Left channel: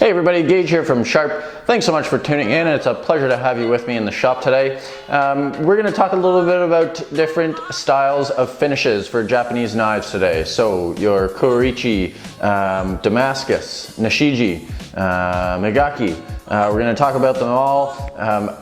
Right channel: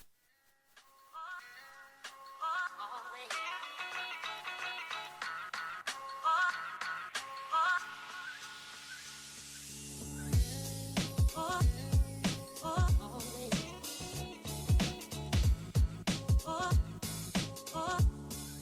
Hey everybody, Gage here from Sharp. Thanks so much for tuning in. It's a pleasure to have you with me in the shop today. We're going to talk a little bit about different styles of finishes for Japanese knives today. So your Kurouchi, Damascus, Nashiji, Migaki. We're going to talk about them all,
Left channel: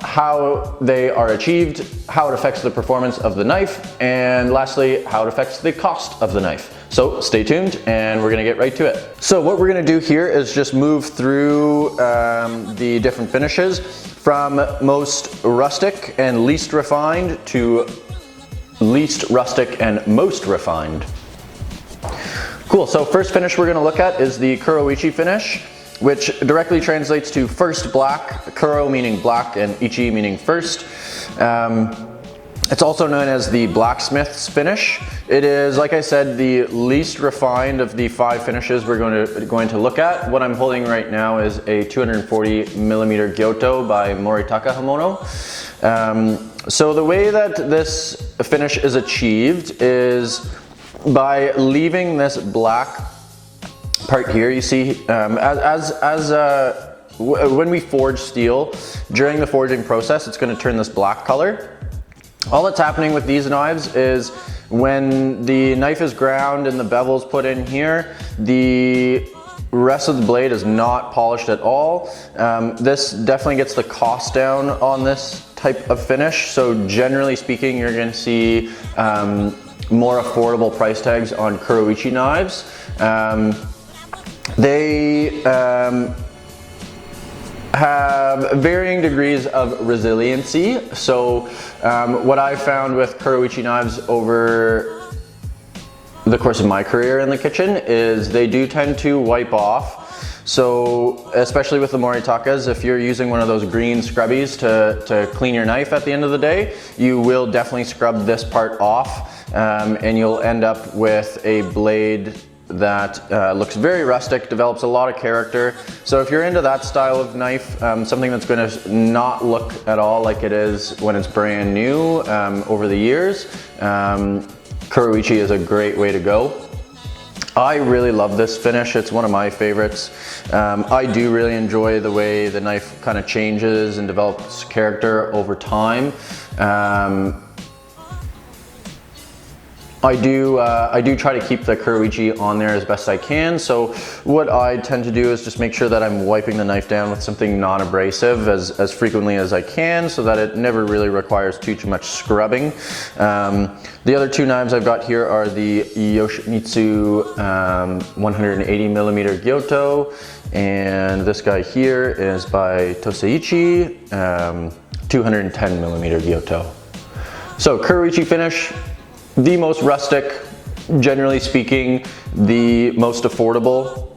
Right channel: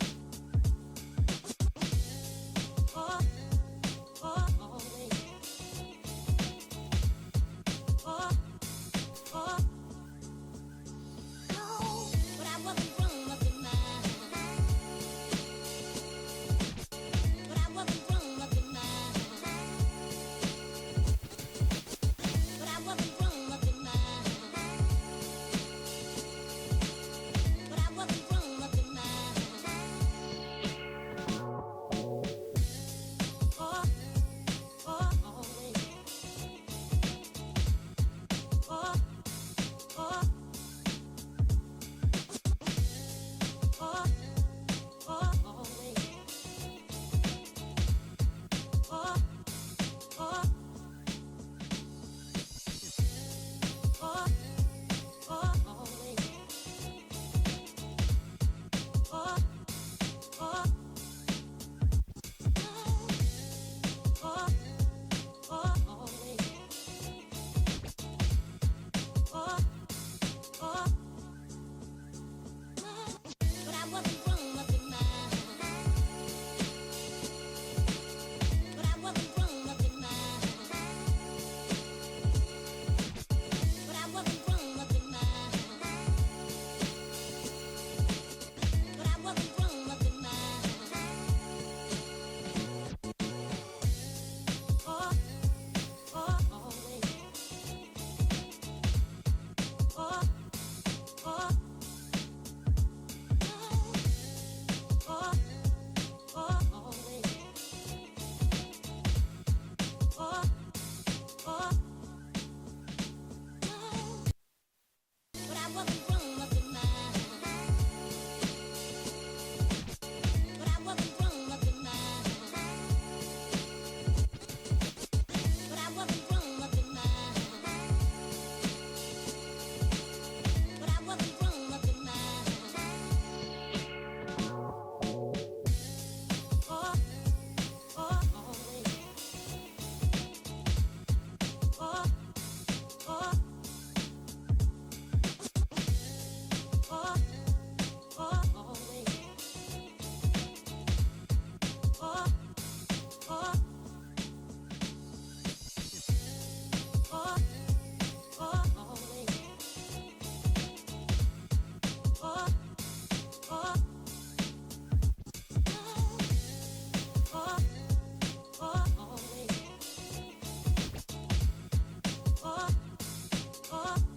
how they are achieved, how it affects the performance of the knife, and lastly, how it affects the cost of the knife. So stay tuned and we're gonna get right to it. So what we're gonna do here is just move through the different finishes from most rustic and least refined to least rustic and most refined. Cool, so first finish we're gonna look at is the Kurouchi finish, which directly translates to first black, Kuro meaning black and Ichi meaning first. It's also known as the blacksmith's finish. It is, like I said, the least refined of the 5 finishes we're going to look at. What I'm holding right now is a 240mm Gyoto by Moritaka Hamono. So the way that this finish is achieved is by leaving this black part here. You see, when we forge steel, during the forging process, it's going to turn this black color. All that's happening with these knives is when the knife is ground and the bevel's put in here, the rest of the blade is not polished at all. This definitely gets the cost down on this type of finish. So generally speaking, you're going to see more affordable price tags on Kurouchi knives. They have varying degrees of resiliency. So what I found with Kurouchi knives over the course of my career in the kitchen is they do tend to wipe off. So especially with the Moritakas, if you're using one of those green scrubbies to clean your knife at the end of the day, you will definitely scrub this part off and you'll end up with a blade that looks very rustic, develops a lot of character. So if you're into that style of knife, something that's going to not look at all like it is when it's brand new over the years, Kurouchi is a great way to go. I really love this finish. It's one of my favorites. I do really enjoy the way the knife kind of changes and develops character over time. I do try to keep the Kurouchi on there as best I can. So what I tend to do is just make sure that I'm wiping the knife down with something non-abrasive as frequently as I can, so that it never really requires too much scrubbing. The other 2 knives I've got here are the Yoshimitsu 180mm Gyoto, and this guy here is by Toseichi 210mm Gyoto. So Kurouchi finish, the most rustic, generally speaking, the most affordable.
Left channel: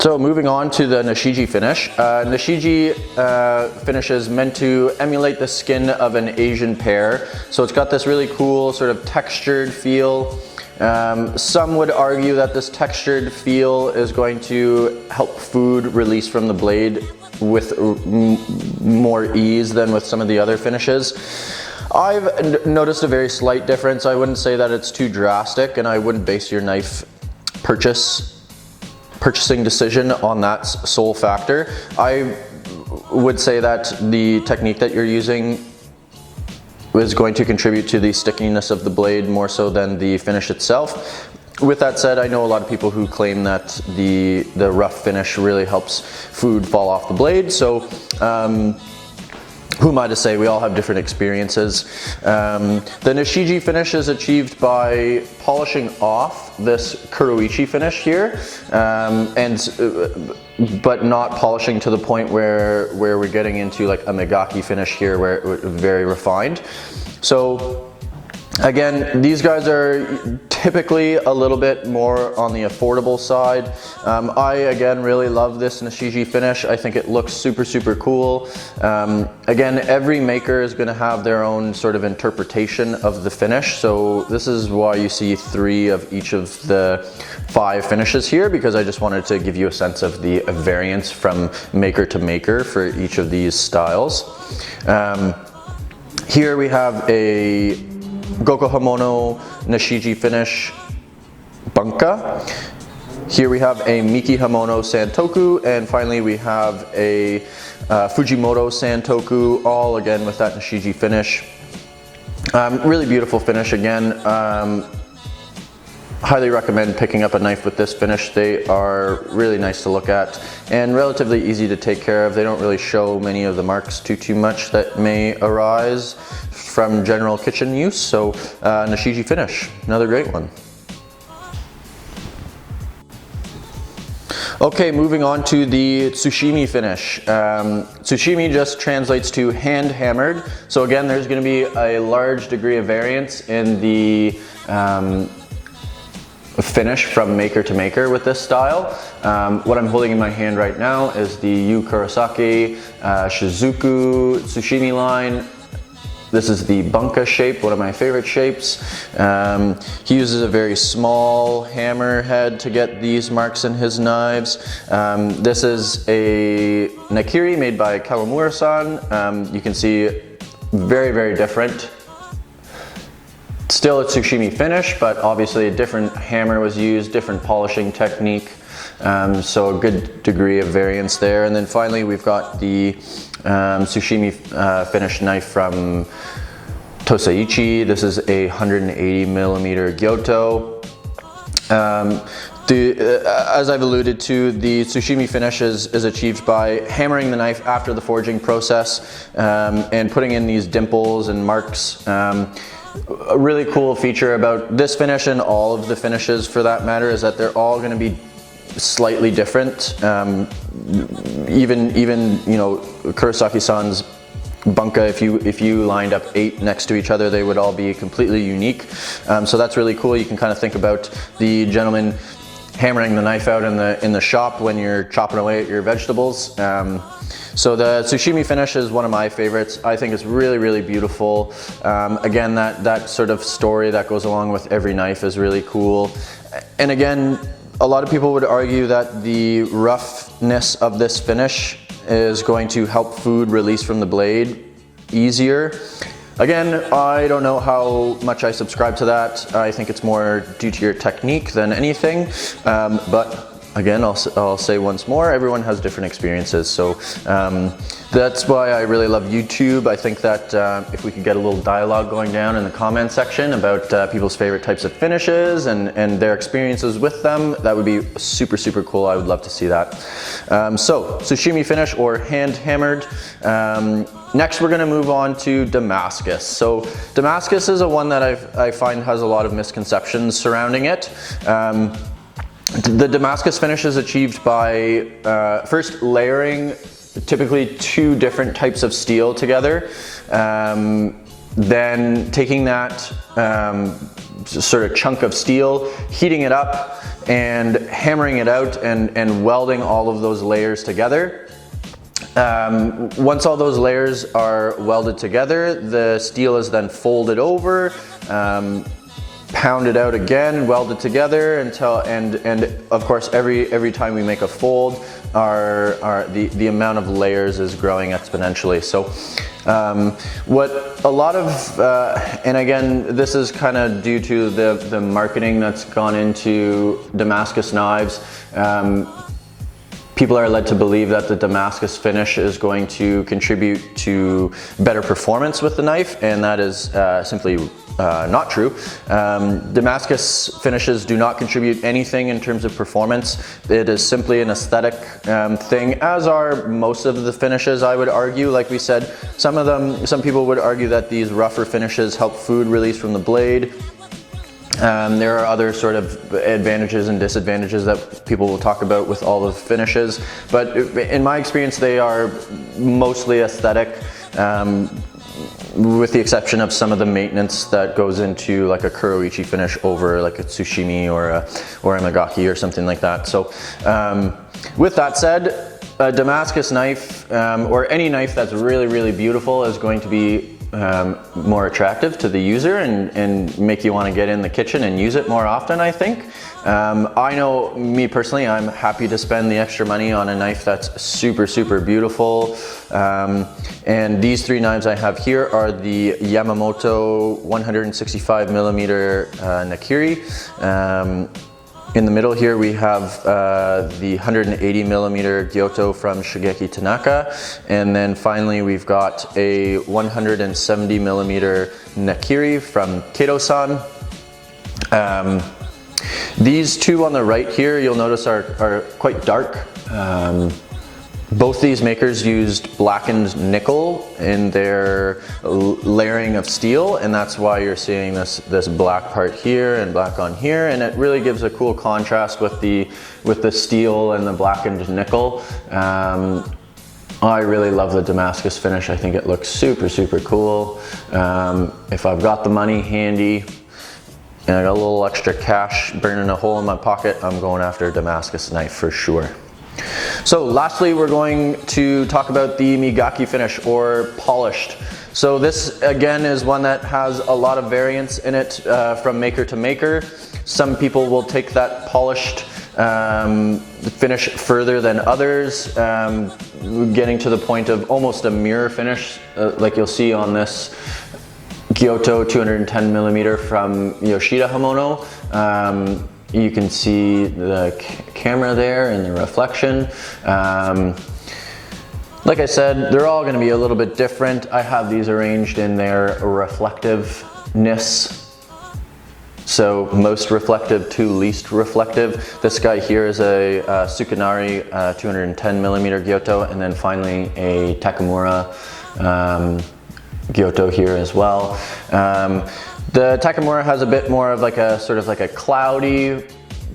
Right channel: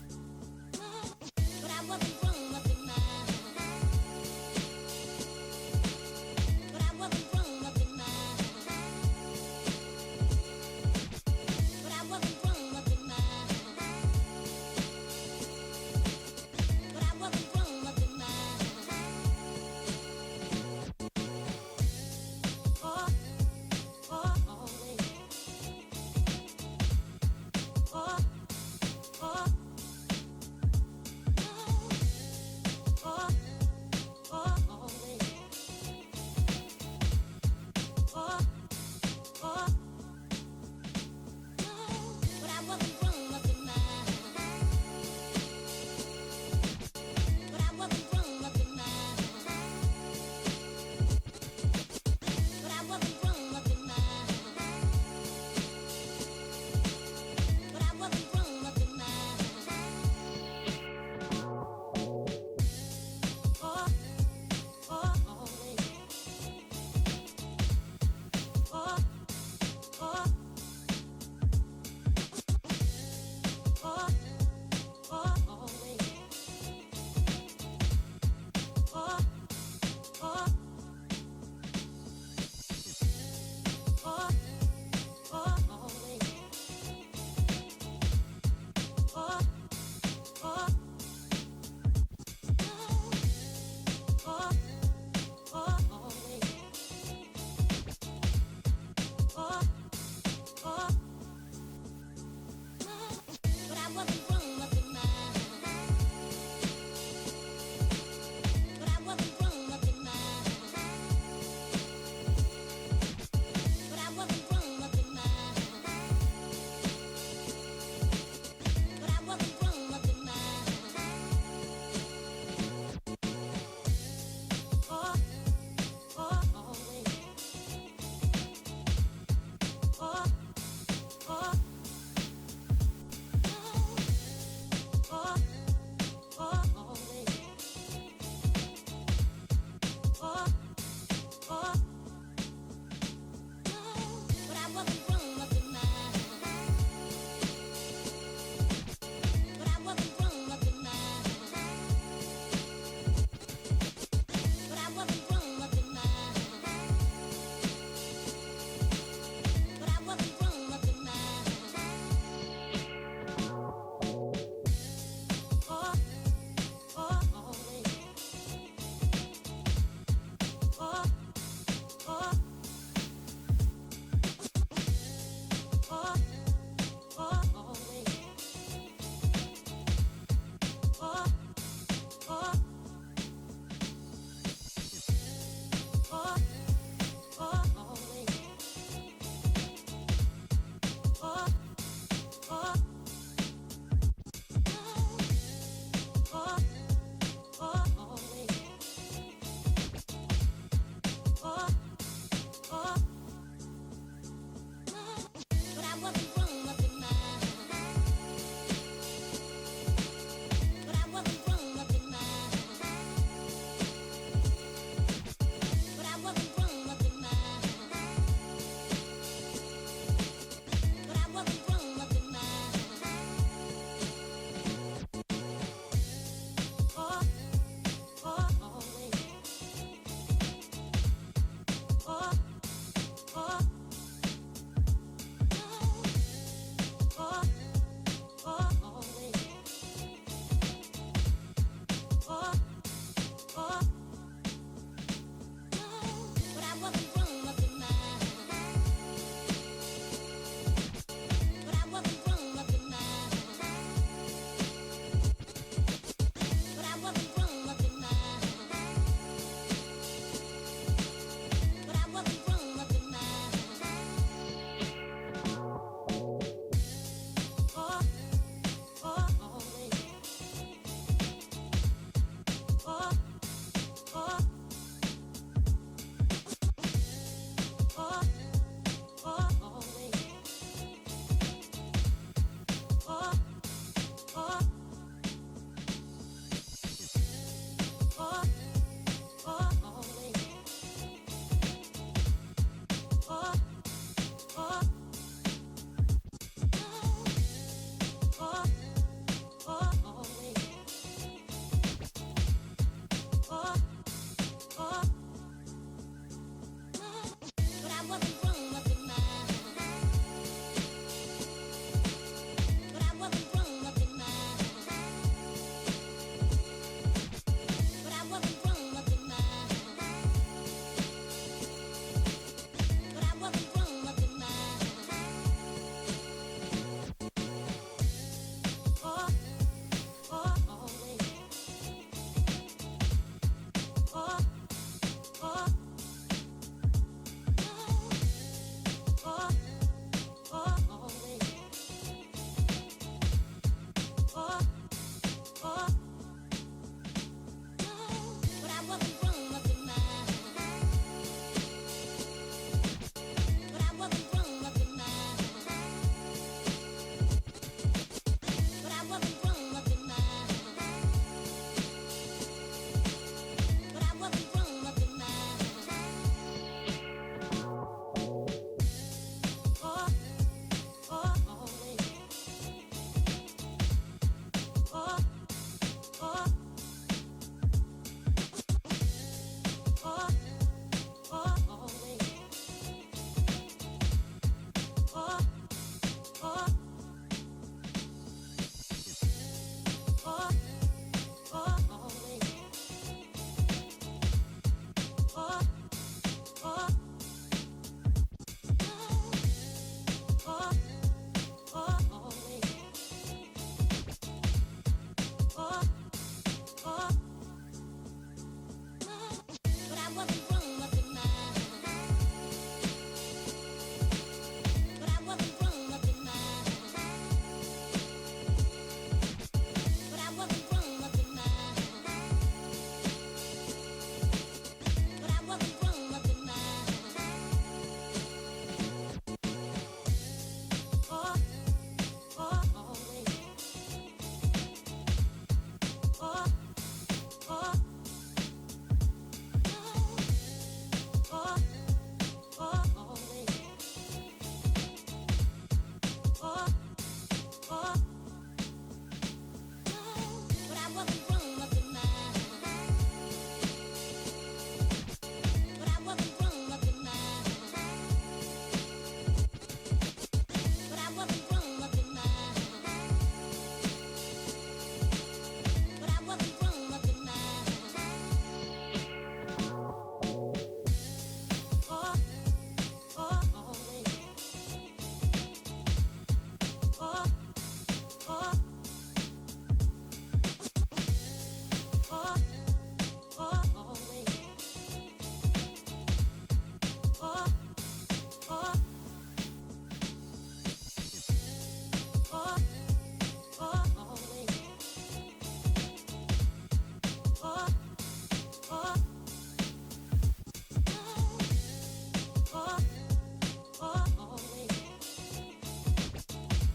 So moving on to the Nashiji finish. Nashiji finish is meant to emulate the skin of an Asian pear. So it's got this really cool sort of textured feel. Some would argue that this textured feel is going to help food release from the blade with more ease than with some of the other finishes. I've noticed a very slight difference. I wouldn't say that it's too drastic, and I wouldn't base your knife purchasing decision on that sole factor. I would say that the technique that you're using is going to contribute to the stickiness of the blade more so than the finish itself. With that said, I know a lot of people who claim that the rough finish really helps food fall off the blade. So who am I to say? We all have different experiences. The Nashiji finish is achieved by polishing off this Kurouchi finish here, but not polishing to the point where we're getting into like a Migaki finish here, where it's very refined. So again, these guys are typically a little bit more on the affordable side. I again really love this Nashiji finish. I think it looks super cool. Again, every maker is going to have their own sort of interpretation of the finish. So this is why you see 3 of each of the 5 finishes here, because I just wanted to give you a sense of the variance from maker to maker for each of these styles. Here we have a Goko Hamono Nashiji finish Bunka. Here we have a Mikihamono Santoku, and finally we have a Fujimoto Santoku, all again with that Nashiji finish. Really beautiful finish again. Highly recommend picking up a knife with this finish. They are really nice to look at and relatively easy to take care of. They don't really show many of the marks too much that may arise from general kitchen use. So Nashiji finish, another great one. Okay, moving on to the Tsuchime finish. Tsuchime just translates to hand hammered. So again, there's going to be a large degree of variance in the finish from maker to maker with this style. What I'm holding in my hand right now is the Yu Kurouchi Shizuku Tsuchime line. This is the bunka shape, one of my favorite shapes. He uses a very small hammer head to get these marks in his knives. This is a Nakiri made by Kawamura-san. You can see very different. Still a Tsuchime finish, but obviously a different hammer was used, different polishing technique. So a good degree of variance there. And then finally we've got the Tsuchime finished knife from Tosaichi. This is a 180mm Gyoto. As I've alluded to, the Tsuchime finish is achieved by hammering the knife after the forging process and putting in these dimples and marks. A really cool feature about this finish and all of the finishes for that matter is that they're all going to be slightly different. Even you know, Kurosaki-san's bunka, if you lined up 8 next to each other, they would all be completely unique. So that's really cool. You can kind of think about the gentleman hammering the knife out in the shop when you're chopping away at your vegetables. So the Tsuchime finish is one of my favorites. I think it's really beautiful. Again, that sort of story that goes along with every knife is really cool. And again, a lot of people would argue that the roughness of this finish is going to help food release from the blade easier. Again, I don't know how much I subscribe to that. I think it's more due to your technique than anything. But again, I'll say once more, everyone has different experiences. So that's why I really love YouTube. I think that if we could get a little dialogue going down in the comment section about people's favorite types of finishes and their experiences with them, that would be super cool. I would love to see that. So Tsuchime finish or hand hammered. Next we're going to move on to Damascus. So Damascus is a one that I find has a lot of misconceptions surrounding it. The Damascus finish is achieved by first layering typically 2 different types of steel together, then taking that sort of chunk of steel, heating it up and hammering it out and welding all of those layers together. Once all those layers are welded together, the steel is then folded over, pounded out again, welded together until, and of course every time we make a fold, the amount of layers is growing exponentially. So what a lot of, and again, this is kind of due to the marketing that's gone into Damascus knives. People are led to believe that the Damascus finish is going to contribute to better performance with the knife, and that is simply not true. Damascus finishes do not contribute anything in terms of performance. It is simply an aesthetic thing, as are most of the finishes, I would argue. Like we said, some people would argue that these rougher finishes help food release from the blade. There are other sort of advantages and disadvantages that people will talk about with all the finishes, but in my experience they are mostly aesthetic, with the exception of some of the maintenance that goes into like a Kurouchi finish over like a Tsuchime or a Migaki or something like that. So with that said, a Damascus knife or any knife that's really beautiful is going to be more attractive to the user and make you want to get in the kitchen and use it more often, I think. I know, me personally, I'm happy to spend the extra money on a knife that's super beautiful. And these 3 knives I have here are the Yamamoto 165mm Nakiri. In the middle here we have the 180 millimeter Gyoto from Shigeki Tanaka, and then finally we've got a 170 millimeter Nakiri from Kato-san. These two on the right here, you'll notice are quite dark. Both these makers used blackened nickel in their layering of steel, and that's why you're seeing this black part here and black on here, and it really gives a cool contrast with the steel and the blackened nickel. I really love the Damascus finish. I think it looks super, super cool. If I've got the money handy and I got a little extra cash burning a hole in my pocket, I'm going after a Damascus knife for sure. So lastly, we're going to talk about the Migaki finish, or polished. So this again is one that has a lot of variance in it from maker to maker. Some people will take that polished finish further than others, getting to the point of almost a mirror finish, like you'll see on this Gyoto 210 millimeter from Yoshida Hamono. You can see the camera there and the reflection. Like I said, they're all going to be a little bit different. I have these arranged in their reflectiveness. So most reflective to least reflective. This guy here is a Tsukanari 210 millimeter Gyoto, and then finally a Takamura Gyoto here as well. The Takamura has a bit more of like a sort of like a cloudy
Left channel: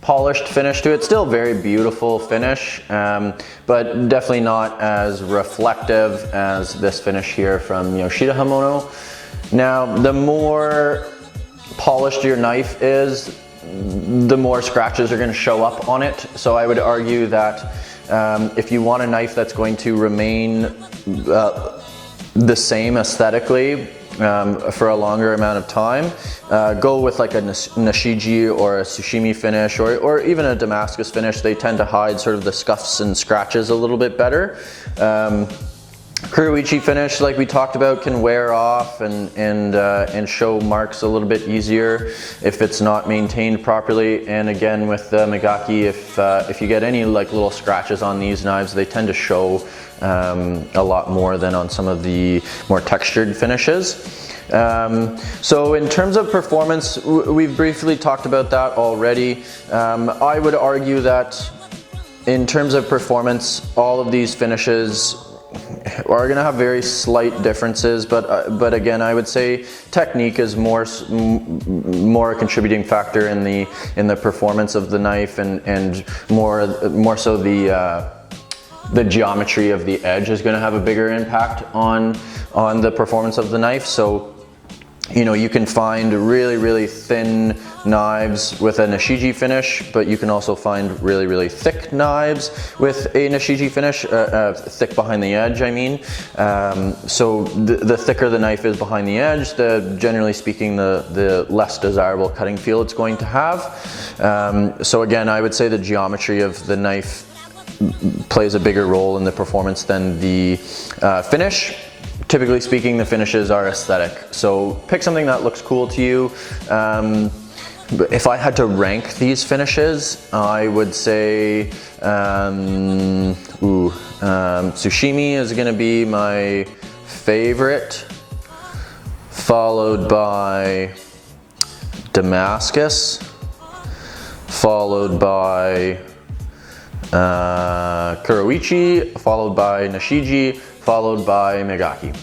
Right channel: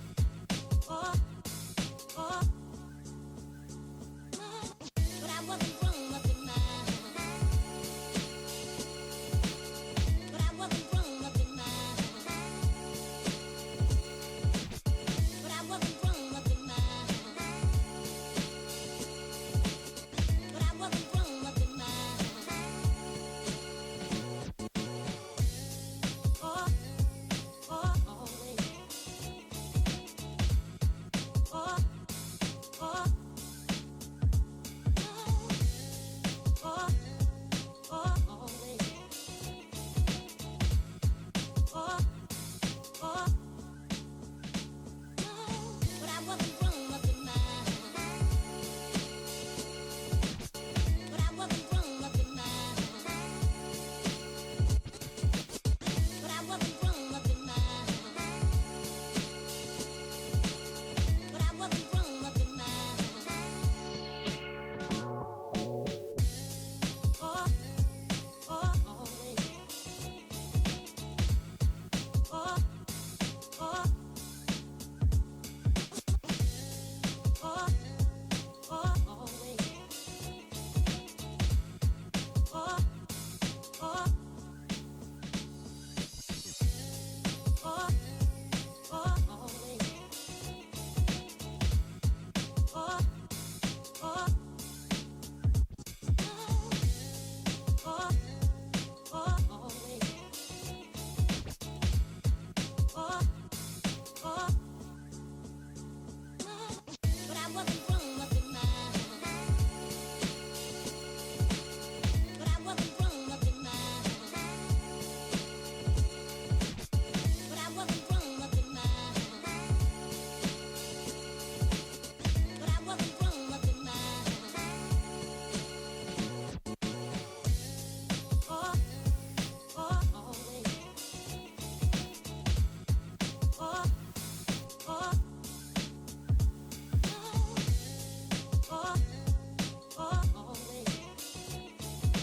polished finish to it. Still very beautiful finish, but definitely not as reflective as this finish here from Yoshida Hamono. Now, the more polished your knife is, the more scratches are going to show up on it. So I would argue that if you want a knife that's going to remain the same aesthetically for a longer amount of time, go with like a Nashiji or a Sushime finish, or even a Damascus finish. They tend to hide sort of the scuffs and scratches a little bit better. Kurouchi finish, like we talked about, can wear off and show marks a little bit easier if it's not maintained properly. And again, with the Migaki, if you get any like little scratches on these knives, they tend to show a lot more than on some of the more textured finishes. So in terms of performance, we've briefly talked about that already. I would argue that in terms of performance, all of these finishes are going to have very slight differences, but again, I would say technique is more a contributing factor in the performance of the knife, and more so the geometry of the edge is going to have a bigger impact on the performance of the knife. So you can find really, really thin knives with a Nashiji finish, but you can also find really, really thick knives with a Nashiji finish, thick behind the edge, I mean. So the thicker the knife is behind the edge, generally speaking, the less desirable cutting feel it's going to have. So again, I would say the geometry of the knife plays a bigger role in the performance than the finish. Typically speaking, the finishes are aesthetic, so pick something that looks cool to you. If I had to rank these finishes, I would say Tsuchime is going to be my favorite, followed by Damascus, followed by Kurouchi, followed by Nashiji, followed by Migaki.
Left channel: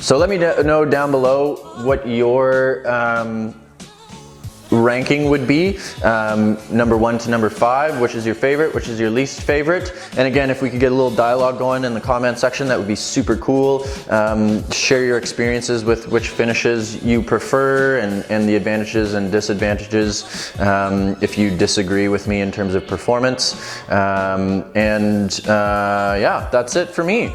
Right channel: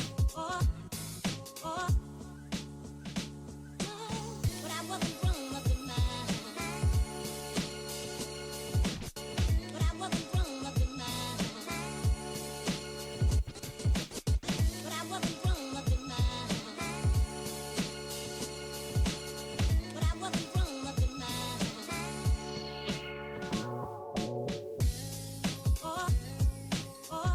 So let me know down below what your ranking would be, number 1 to number 5, which is your favorite, which is your least favorite. And again, if we could get a little dialogue going in the comment section, that would be super cool. Share your experiences with which finishes you prefer and the advantages and disadvantages, if you disagree with me in terms of performance. Yeah, that's it for me.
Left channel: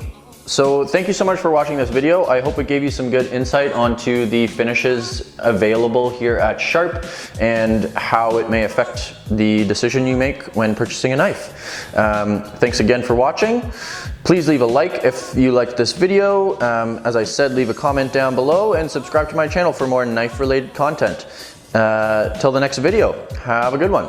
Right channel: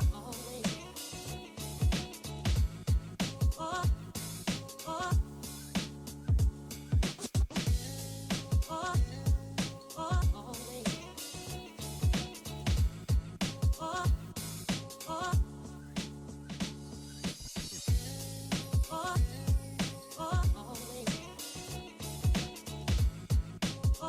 So thank you so much for watching this video. I hope it gave you some good insight onto the finishes available here at Sharp and how it may affect the decision you make when purchasing a knife. Thanks again for watching. Please leave a like if you liked this video. As I said, leave a comment down below and subscribe to my channel for more knife related content. Till the next video, have a good one.